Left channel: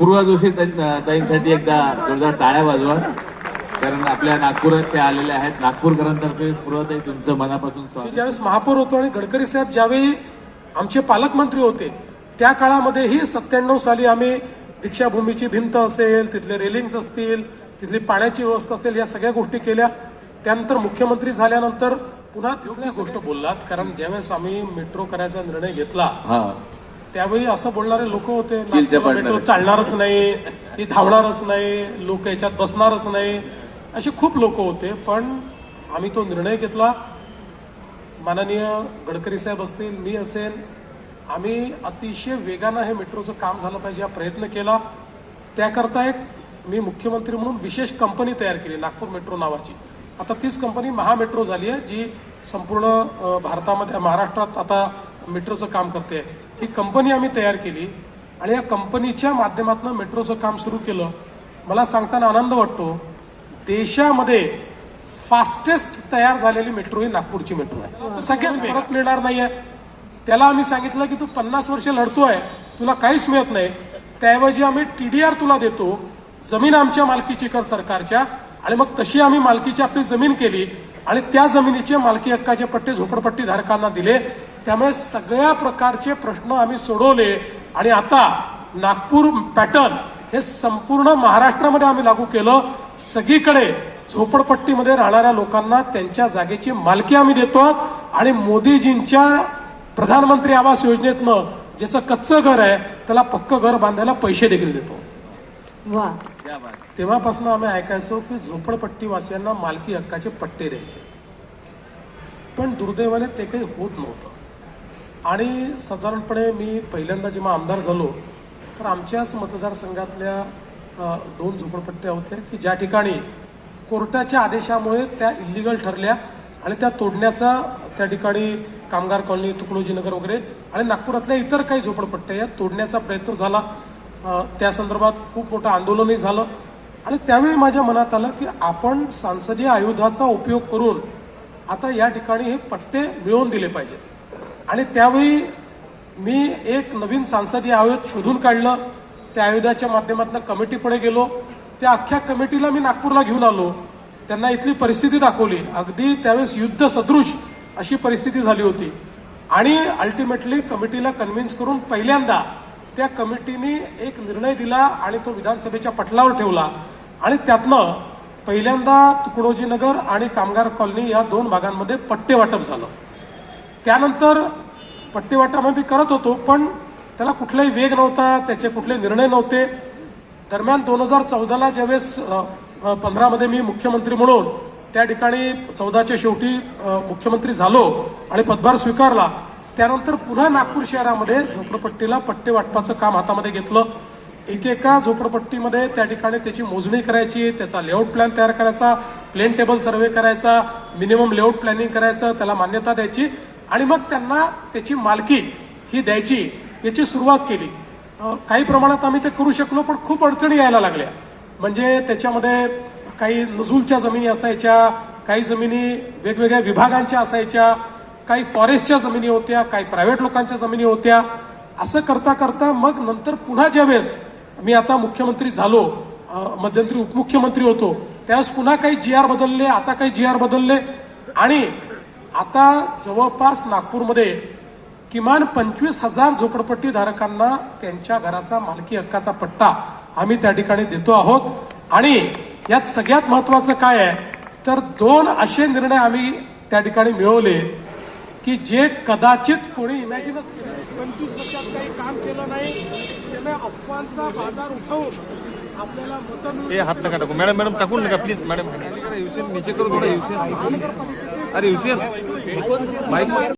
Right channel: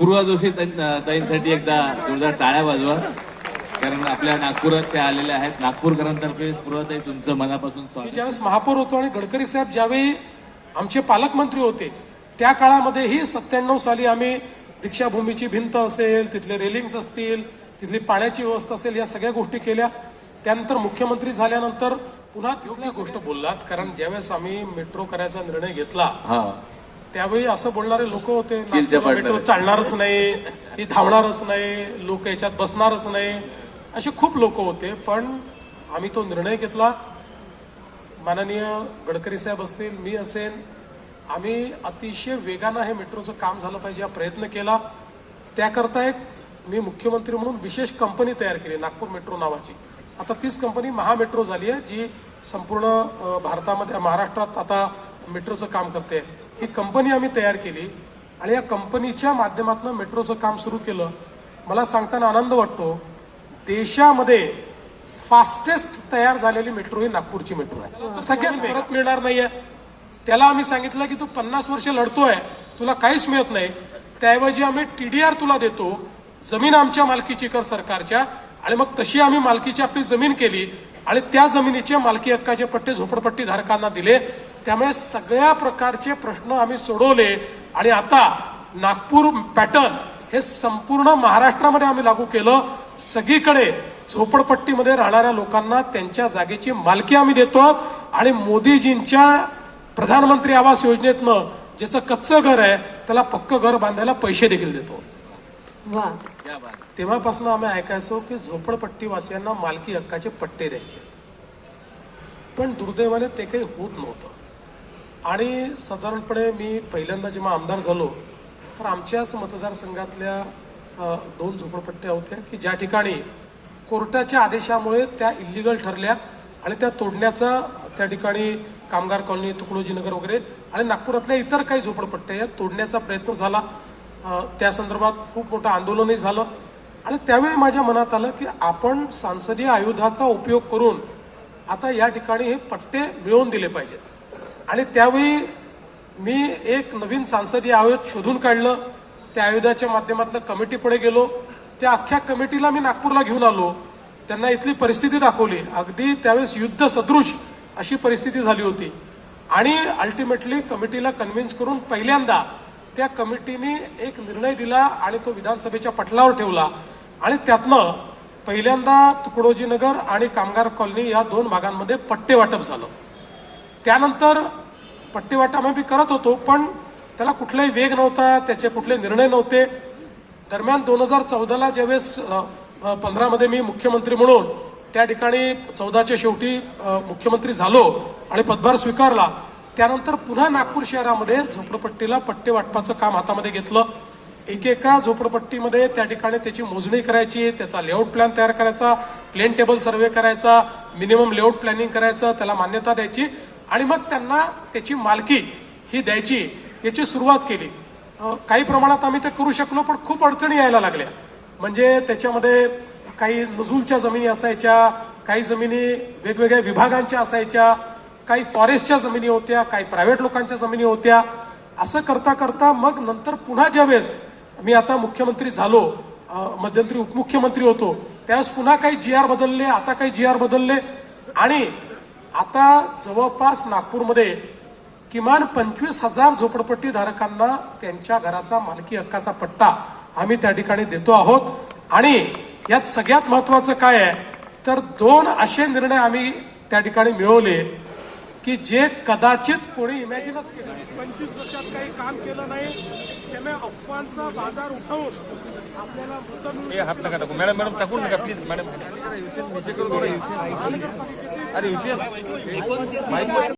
पूर्वा जोशी ताईंसाठी एकदा जोरदार टाळ्या वाजवा, कारण आपल्या नागपुरात ते आलेले आहेत. नागपूरकरांतर्फे पूर्वाताई तुमचं मनापासून स्वागत. ज्यावेळेस महापौर होतो आणि गडकरी साहेब ज्यावेळी आमचे पालकमंत्री होते त्या काळामध्येही 97 साली आम्ही दीक्षाभूमीची भिंत असेल, तिथले रेलिंग्स असतील, तिथली पाण्याची व्यवस्था असेल, या सगळ्या गोष्टी केल्या. त्यानंतर मुख्यमंत्री झाल्यानंतर पुन्हा तिथल्या गोष्ट बोललात, कारण ज्यावेळेस आम्ही मेट्रो करायचा निर्णय घेतला त्यावेळी असं बोलणारे लोक होते, मेट्रो चालणारच नाही, ही धावणारच नाही, लोक याच्यात बसणारच नाही, असे खूप लोक होते. पण आम्ही तो निर्णय घेतला. माननीय गडकरी साहेब असतील, मी असेल, आम्ही अतिशय वेगानं हे मेट्रोचं काम झालं पाहिजे हा प्रयत्न केला. त्याकरता एक मी मुख्यमंत्री म्हणून विशेष कंपनी तयार केली, नागपूर मेट्रो नावाची. आता तीच कंपनी महामेट्रो झाली आहे, जी संपूर्ण भारतामध्ये, महाराष्ट्रात आता मेट्रोचं काम करते. ही कंपनी आम्ही तयार केली आणि या कंपनीच्या माध्यमातून मेट्रोचं काम सुरू केलं. मला सांगताना आनंद वाटतो, देशामध्ये फास्टेस्ट तयार झालेली मेट्रो ही नागपूरची मेट्रो आहे. सगळ्यात परत मिळणार नाहीये. त्याला आम्ही सांगितलं की तू 50 वर्ष लढतोय, तुला काहीच मिळत नाही, त्याऐवजी आम्ही TDR तुला देतो, जमीन आमच्या मालकीची कर सरकारच्या, आणि मग तशी आम्ही मालकीची आपली जमीन केली आणि त्या जमिनीचे मालकी हक्काचे पट्टे झोपडपट्टी धारकांना दिले. त्यामुळे सगळ्या प्रकारचे प्रश्न आम्ही सोडवले आणि आता नागपूर पॅटर्न हे संपूर्ण महाराष्ट्रामध्ये आम्ही लागू केलं. सगळीकडे झोपडपट्टीमध्ये राहणाऱ्या लोकांना त्यांच्या जागेची मालकी आम्ही देतो आणि मोदीजींच्या प्रधानमंत्री आवास योजनेतनं ज्याचं कच्चं घर आहे त्याला पक्क घर बांधायला पैसे देखील देतो. तेव्हापासून आम्ही ऐकायचो की झोपडपट्टीवासियांना मालकी हक्काचे पट्टे द्यायचे, पण दुर्दैवाने ते काही होत नव्हतं. आणि साधारणपणे मी पहिल्यांदा जेव्हा आमदार झालो तर आमच्याच मतदारसंघातल्या 2 झोपडपट्ट्या होत्या की ज्या ठिकाणी कोर्टाच्या आदेशामुळे त्या इल्लीगल ठरल्या आणि त्या तोडण्याचा त्या ठिकाणी कामगार कॉलनी, तुकडोजी नगर वगैरे आणि नागपुरातल्या इतर काही झोपडपट्ट्या या तोडण्याचा प्रयत्न झाला. त्या संदर्भात खूप मोठं आंदोलनही झालं आणि त्यावेळी माझ्या मनात आलं की आपण संसदीय आयुधाचा उपयोग करून आता या ठिकाणी हे पट्टे मिळवून दिले पाहिजेत. आणि त्यावेळी मी एक नवीन संसदीय आयोग शोधून काढलं. त्या आयुधाच्या माध्यमातून कमिटीकडे गेलो. त्या अख्ख्या कमिटीला मी नागपूरला घेऊन आलो, त्यांना इथली परिस्थिती दाखवली. अगदी त्यावेळेस युद्ध सदृश अशी परिस्थिती झाली होती आणि अल्टिमेटली कमिटीला कन्व्हिन्स करून पहिल्यांदा त्या कमिटीने एक निर्णय दिला आणि तो विधानसभेच्या पटलावर ठेवला आणि त्यातनं पहिल्यांदा तुकडोजी नगर आणि कामगार कॉलनी या 2 भागांमध्ये पट्टे वाटप झालं. त्यानंतर पट्टे वाटप आम्ही करत होतो, पण त्याला कुठलाही वेग नव्हता, त्याचे कुठले निर्णय नव्हते. दरम्यान 2014ला ज्यावेळेस 15मध्ये मी मुख्यमंत्री म्हणून त्या ठिकाणी 14च्या शेवटी मुख्यमंत्री झालो आणि पदभार स्वीकारला, त्यानंतर पुन्हा नागपूर शहरामध्ये झोपडपट्टीला पट्टे वाटपाचं काम हातामध्ये घेतलं. एकेका झोपडपट्टीमध्ये त्या ठिकाणी त्याची मोजणी करायची, त्याचा लेआउट प्लॅन तयार करायचा, प्लेन टेबल सर्वे करायचा, मिनिमम लेआउट प्लॅनिंग करायचं, त्याला मान्यता द्यायची आणि मग त्यांना त्याची मालकी ही द्यायची, याची सुरुवात केली. काही प्रमाणात आम्ही ते करू शकलो, पण खूप अडचणी यायला लागल्या. म्हणजे त्याच्यामध्ये काही नजूलच्या जमिनी असायच्या, काही जमिनी वेगवेगळ्या विभागांच्या असायच्या, काही फॉरेस्टच्या जमिनी होत्या, काही प्रायव्हेट लोकांच्या जमिनी होत्या. असं करता करता मग नंतर पुन्हा ज्यावेळेस मी आता मुख्यमंत्री झालो, मध्यंतरी उपमुख्यमंत्री होतो, त्यावेळेस पुन्हा काही GR बदलले, आता काही GR बदलले आणि आता जवळपास नागपूरमध्ये किमान 25,000 झोपडपट्टी धारकांना त्यांच्या घराचा मालकी हक्काचा पट्टा आम्ही त्या ठिकाणी देतो आहोत. आणि यात सगळ्यात महत्वाचं काय आहे तर 2 असे निर्णय आम्ही त्या ठिकाणी मिळवले की जे कदाचित कोणी इमॅजिनच केलं नाही. 25 वर्षात काही काम केलं नाही, त्याने अफवांचा बाजार उठवून आपल्याला मतं मिळवून हात नका टाकू मॅडम, मॅडम टाकून नका प्लीज मॅडम. अरे